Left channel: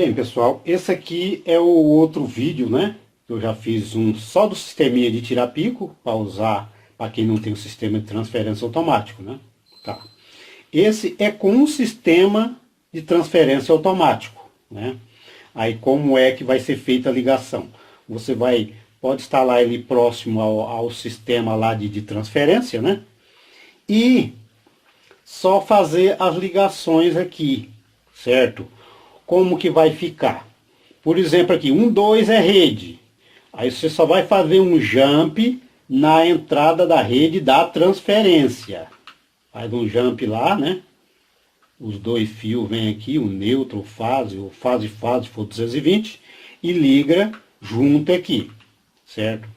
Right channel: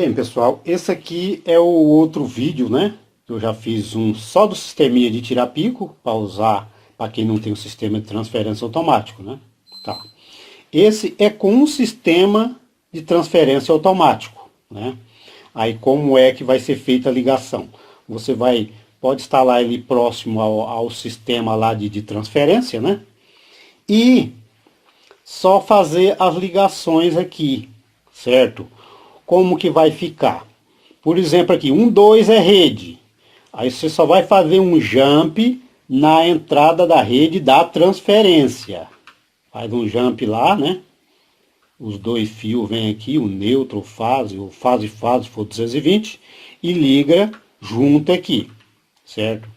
Bem, pessoal, esse aqui é o outro vídeo, né? Eu já fiz um só do sisteminha de tirar pico, para usar para quem não tem o sistema de transferência automático, né? Tá. Esse é com um sistema de transferência automático, né? Aí como é que vai ser feita a ligação? Você pode instalar ele próximo ao sistema lá de transferência, né? E só fazer as ligações aqui, certo? Como que vai ficar? Por exemplo aqui, 1, 2 é rede. Aí você só vai fazer um jump na entrada da rede da transferência. Faz um jump lá, né? Os dois fios vêm aqui, o neutro, o fase for 220 e liga junto aqui, certo?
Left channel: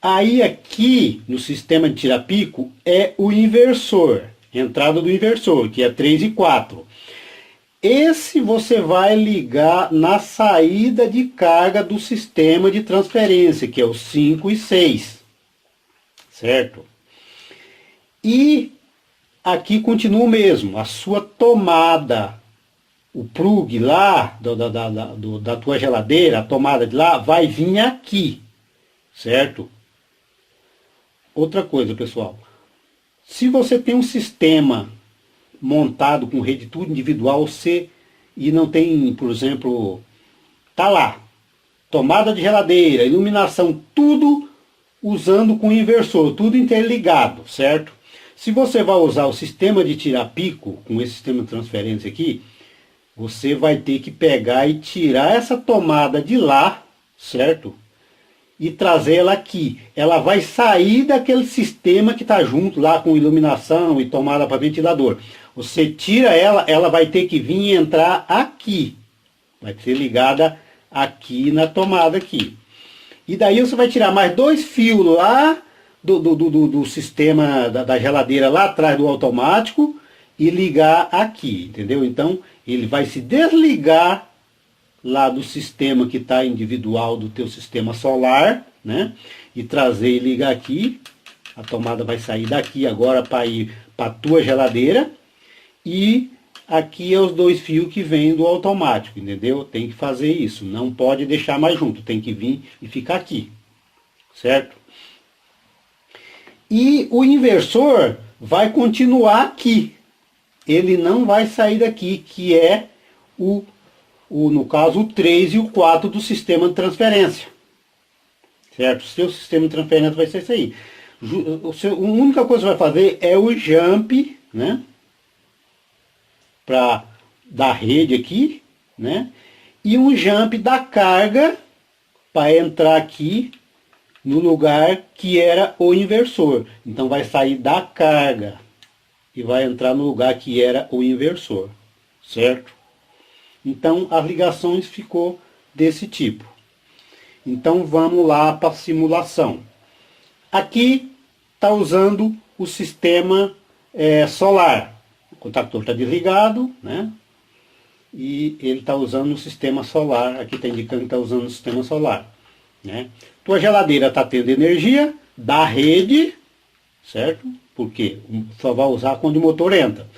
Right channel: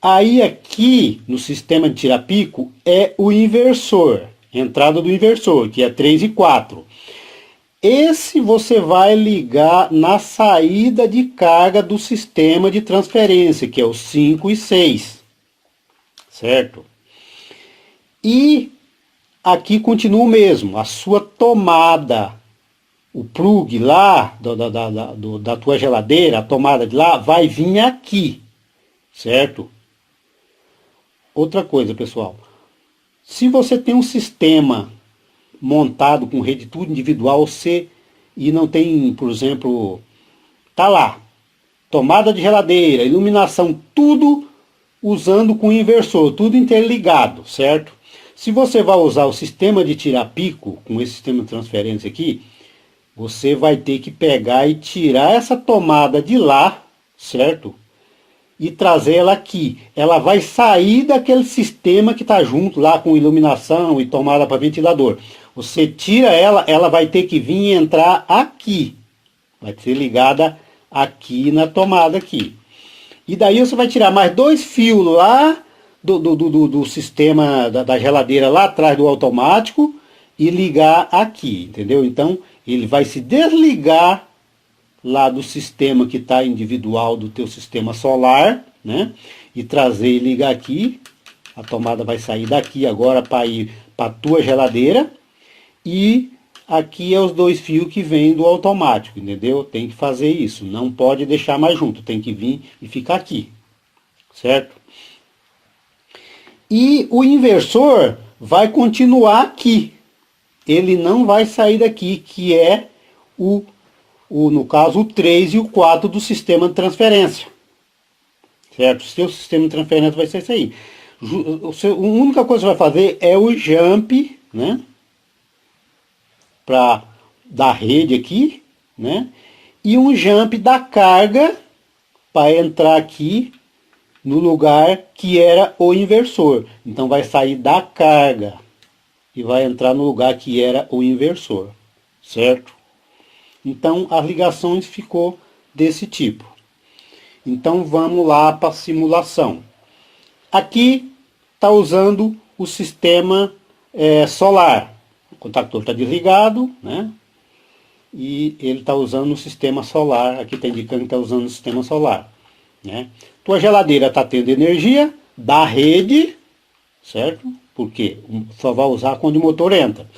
Aí aqui no sistema de tira-pico é o inversor, entrada do inversor, que é 3 e 4. Esse você vai ligar na saída de carga do sistema de transferência, que é o 5 e 6, certo? E aqui continua o mesmo, a sua tomada, o plug lá da tua geladeira, a tomada de lá, vai vir aqui, certo? Outra coisa, pessoal, se você tem um sistema montado com rede tudo individual, e não tem, por exemplo, tá lá, tomada de geladeira, iluminação, tudo usando com inversor, tudo interligado, certo? Se você vai usar o sistema de tirar pico, com esse sistema de transferência aqui, você vai ter que pegar e tirar essa tomada de lá, certo? E trazer ela aqui. Ela vai sair daquele sistema que está junto lá com iluminação e tomada para ventilador. Você tira ela, ela vai ter que vir e entrar aqui. Vai ser ligada aqui na tomada aqui. E daí você vai tirar mais 2 fios lá do sistema da geladeira lá atrás do automático e ligar aqui, entendeu? Então ele vai se desligar lá do sistema que está individual do teu sistema solar, né? E trazer e ligar aqui. A tomada vai sair daqui agora para ir para a tua geladeira. E aqui é os 2 fios que vêm do automático, entendeu? Tem que fazer isso. Não pode deixar mais junto. Tem que vir e ficar aqui, certo? E o inversor vai continuar aqui. Ele não vai sair daqui, que é no caso, o 3 e o 4 do sistema de transferência. Certo? O seu sistema de transferência vai ser isso aí. A única coisa que vai fazer é o jump, né? Da rede aqui, né? E um jump da carga para entrar aqui no lugar que era o inversor. Então vai sair da carga e vai entrar no lugar que era o inversor, certo? Então as ligações ficou desse tipo. Então vamos lá para a simulação. Aqui está usando o sistema solar. O contactor está desligado, né? E ele está usando o sistema solar. Aqui está indicando que está usando o sistema solar, né? Tua geladeira está tendo energia da rede, certo? Porque só vai usar quando o motor entra.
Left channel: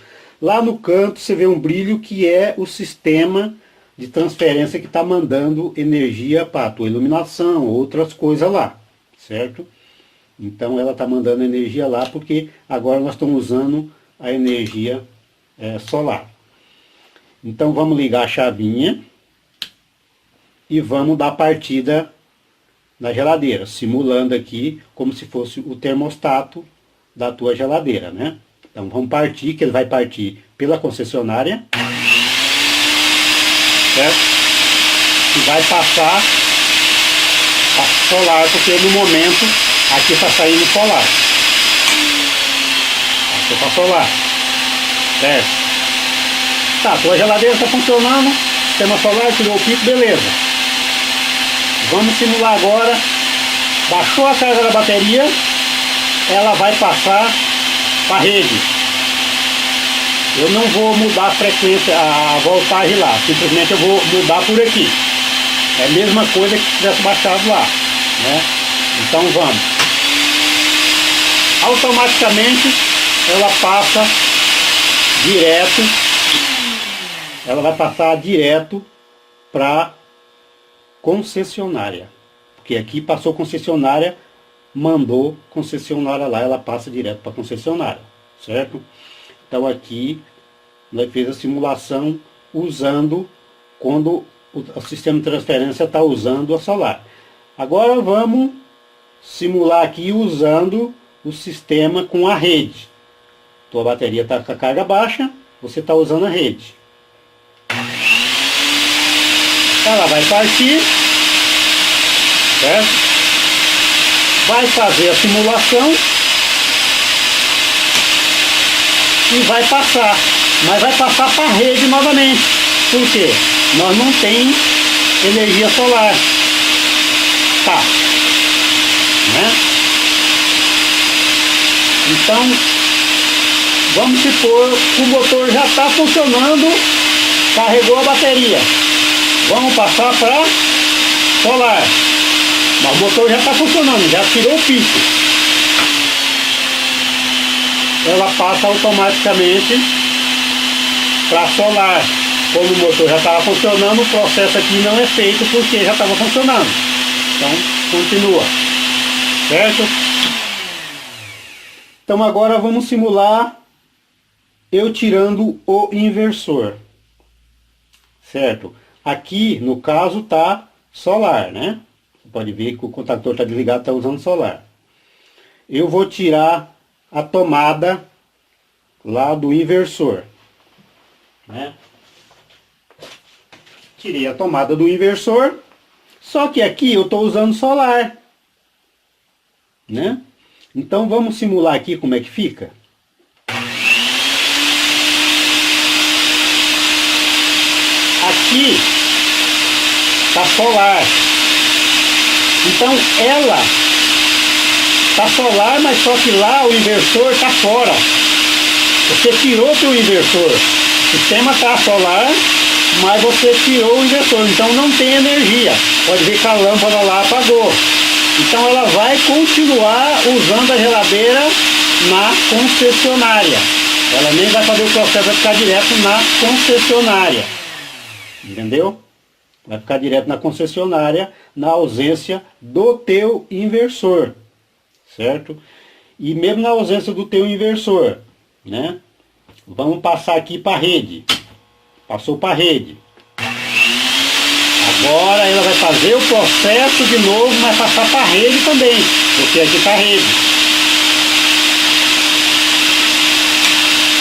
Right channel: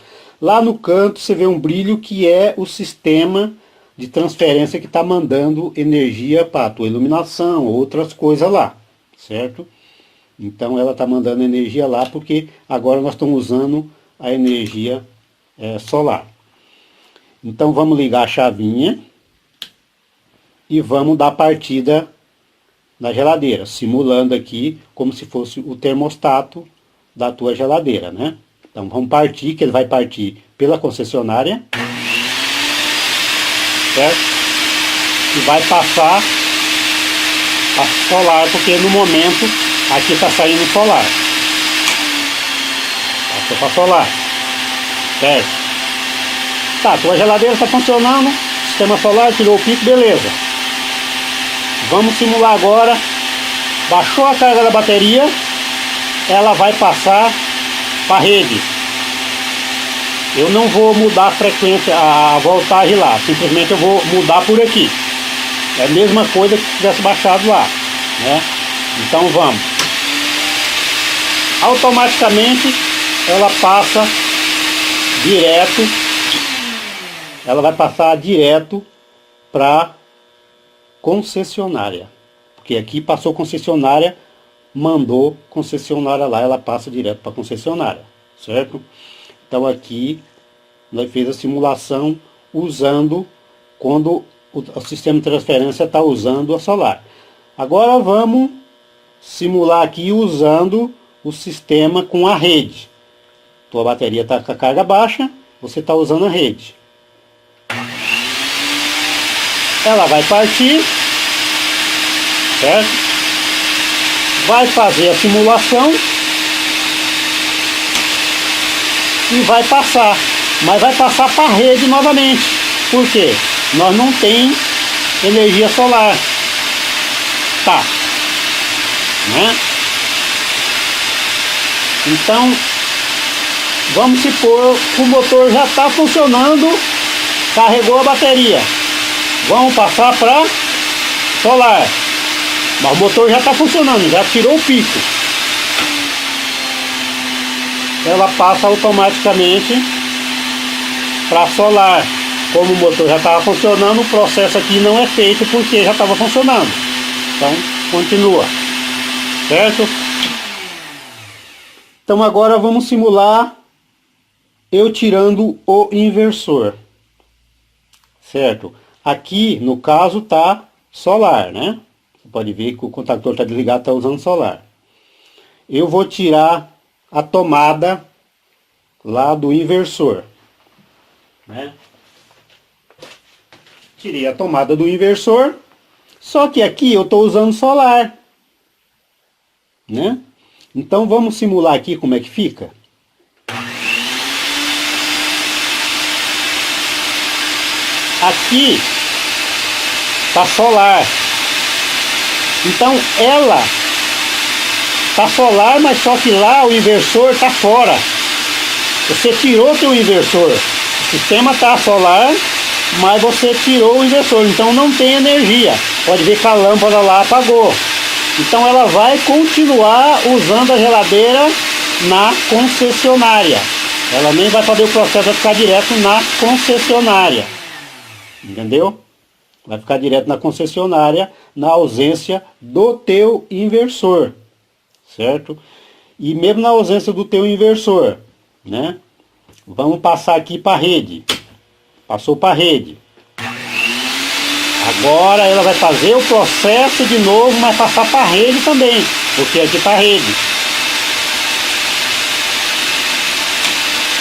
Lá no canto você vê um brilho que é o sistema de transferência que está mandando energia para a tua iluminação, outras coisas lá, certo? Então ela está mandando energia lá porque agora nós estamos usando a energia solar. Então vamos ligar a chavinha e vamos dar partida na geladeira, simulando aqui como se fosse o termostato da tua geladeira, né? Então vamos partir, que ele vai partir pela concessionária, certo? E vai passar a solar, porque no momento aqui está saindo solar. Passou para solar, certo? Tá, a tua geladeira está funcionando, sistema solar, tirou o pico, beleza. Vamos simular agora, baixou a carga da bateria, ela vai passar para a rede. Eu não vou mudar a frequência, a voltagem lá, simplesmente eu vou mudar por aqui. É a mesma coisa que se tivesse baixado lá, né? Então vamos. Automaticamente ela passa direto, ela vai passar direto para concessionária. Porque aqui passou concessionária, mandou concessionária lá, ela passa direto para concessionária, certo? Então aqui nós fez a simulação usando quando o sistema de transferência está usando a solar. Agora vamos simular aqui usando o sistema com a rede. Tua bateria está com a carga baixa, você está usando a rede. Ela vai partir, certo? Vai fazer a simulação e vai passar, mas vai passar para a rede novamente. Por quê? Nós não tem energia solar. Tá, né? Então, vamos supor que o motor já está funcionando, carregou a bateria. Vamos passar para solar. Mas o motor já está funcionando, já tirou o pico. Ela passa automaticamente para solar. Como o motor já estava funcionando, o processo aqui não é feito porque já estava funcionando. Então, continua. Certo? Então agora vamos simular eu tirando o inversor. Certo? Aqui, no caso, está solar, né? Você pode ver que o contactor está desligado, está usando solar. Eu vou tirar a tomada lá do inversor, né? Tirei a tomada do inversor, só que aqui eu estou usando solar, né? Então vamos simular aqui como é que fica. Aqui está solar. Então ela está solar, mas só que lá o inversor está fora. Você tirou o inversor. O sistema está solar, mas você tirou o inversor. Então não tem energia. Pode ver que a lâmpada lá apagou. Então ela vai continuar usando a geladeira na concessionária. Ela nem vai fazer o processo, vai ficar direto na concessionária. Entendeu? Vai ficar direto na concessionária, na ausência do teu inversor, certo? E mesmo na ausência do teu inversor, né? Vamos passar aqui para a rede. Passou para a rede. Agora ela vai fazer o processo de novo, mas passar para a rede também, porque aqui está a rede.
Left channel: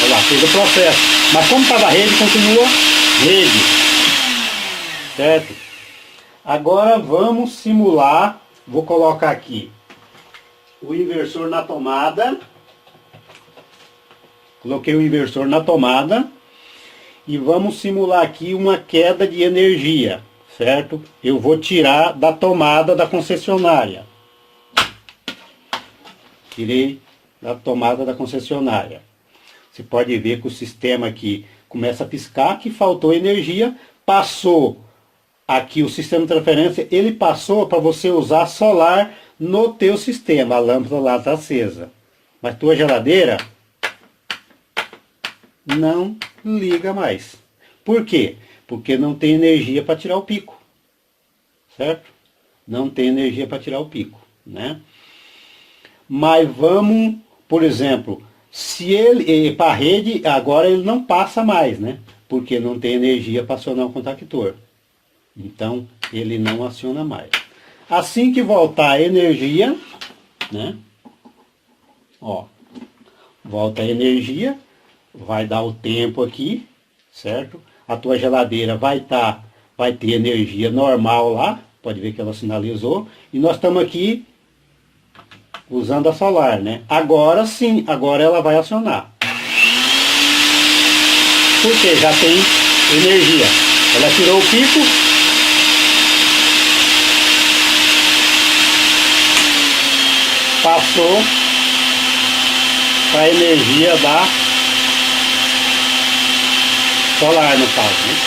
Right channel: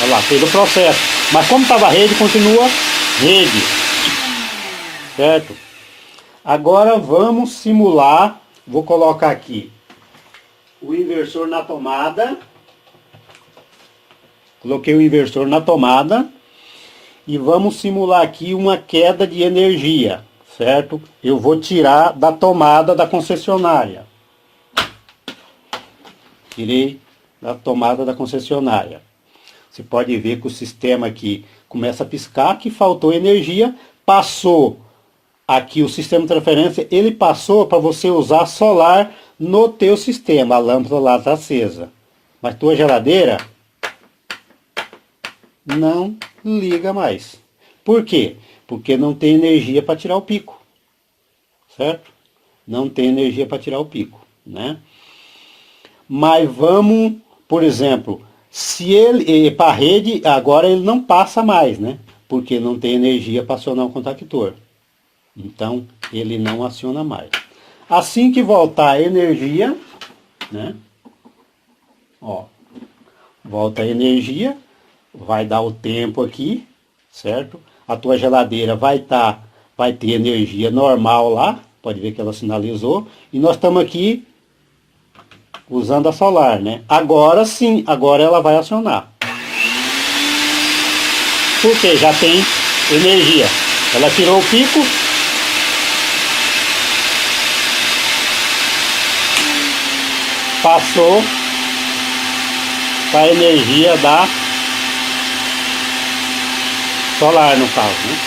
Olha lá, fez o processo. Mas como estava a rede, continua rede. Certo? Agora vamos simular. Vou colocar aqui o inversor na tomada. Coloquei o inversor na tomada. E vamos simular aqui uma queda de energia. Certo? Eu vou tirar da tomada da concessionária. Tirei da tomada da concessionária. Você pode ver que o sistema aqui começa a piscar, que faltou energia. Passou aqui o sistema de transferência, ele passou para você usar solar no teu sistema. A lâmpada lá está acesa. Mas tua geladeira não liga mais. Por quê? Porque não tem energia para tirar o pico. Certo? Não tem energia para tirar o pico, né? Mas vamos, por exemplo, se ele para a rede, agora ele não passa mais, né? Porque não tem energia para acionar o contactor. Então, ele não aciona mais. Assim que voltar a energia, né? Ó, volta a energia, vai dar o tempo aqui, certo? A tua geladeira vai ter energia normal lá, pode ver que ela sinalizou. E nós estamos aqui usando a solar, né? Agora sim, agora ela vai acionar. Porque já tem energia. Ela tirou o pico. Passou para a energia da solar, no caso, né?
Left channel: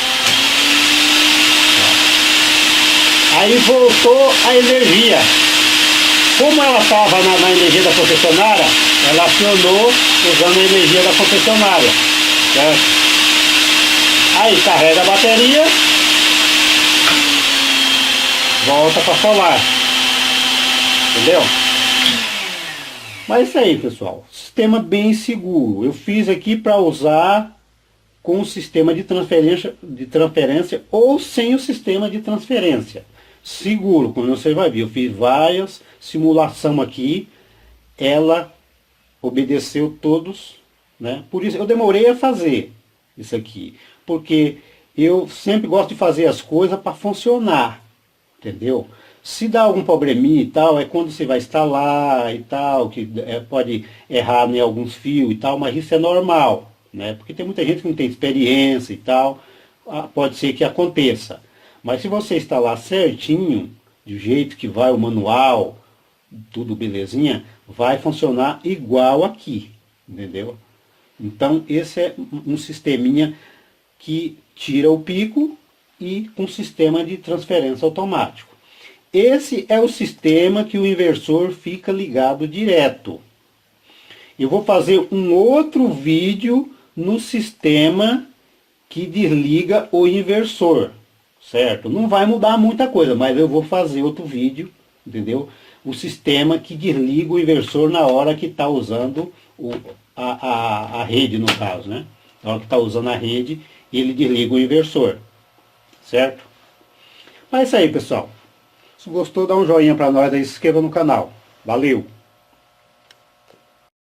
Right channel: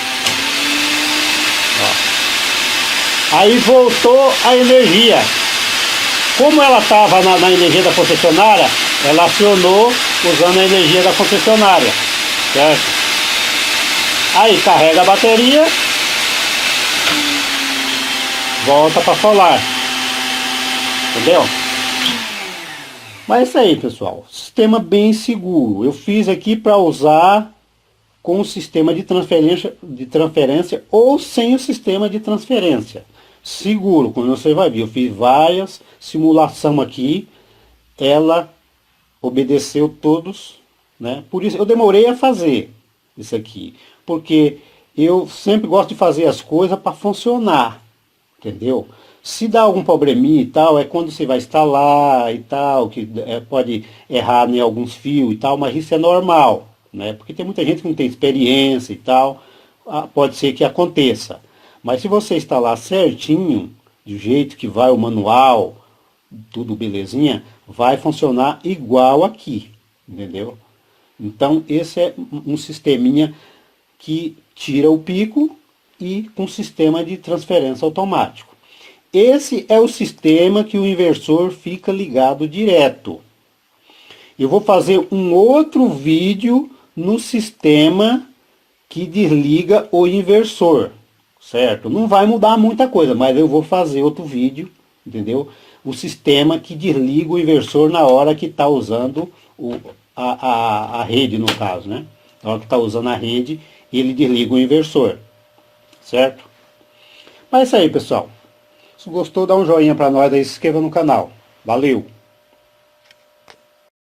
Ó. Aí voltou a energia. Como ela estava na energia da concessionária, ela acionou usando a energia da concessionária, certo? Aí carrega a bateria volta para solar. Entendeu? Mas é isso aí, pessoal. Sistema bem seguro. Eu fiz aqui para usar com o sistema de transferência ou sem o sistema de transferência. Seguro, como você vai ver. Eu fiz várias simulação aqui. Ela obedeceu todos, né? Por isso eu demorei a fazer isso aqui. Porque eu sempre gosto de fazer as coisas para funcionar. Entendeu? Se dá algum probleminha e tal, é quando você vai instalar e tal, que pode errar em alguns fios e tal, mas isso é normal, né? Porque tem muita gente que não tem experiência e tal, pode ser que aconteça. Mas se você instalar certinho, do jeito que vai o manual, tudo belezinha, vai funcionar igual aqui, entendeu? Então esse é um sisteminha que tira o pico e com sistema de transferência automático. Esse é o sistema que o inversor fica ligado direto. Eu vou fazer um outro vídeo no sistema que desliga o inversor, certo? Não vai mudar muita coisa, mas eu vou fazer outro vídeo, entendeu? O sistema que desliga o inversor na hora que está usando a rede, no caso, né? Na hora que está usando a rede, ele desliga o inversor, certo? Mas é isso aí, pessoal. Se gostou, dá um joinha para nós e se inscreva no canal. Valeu!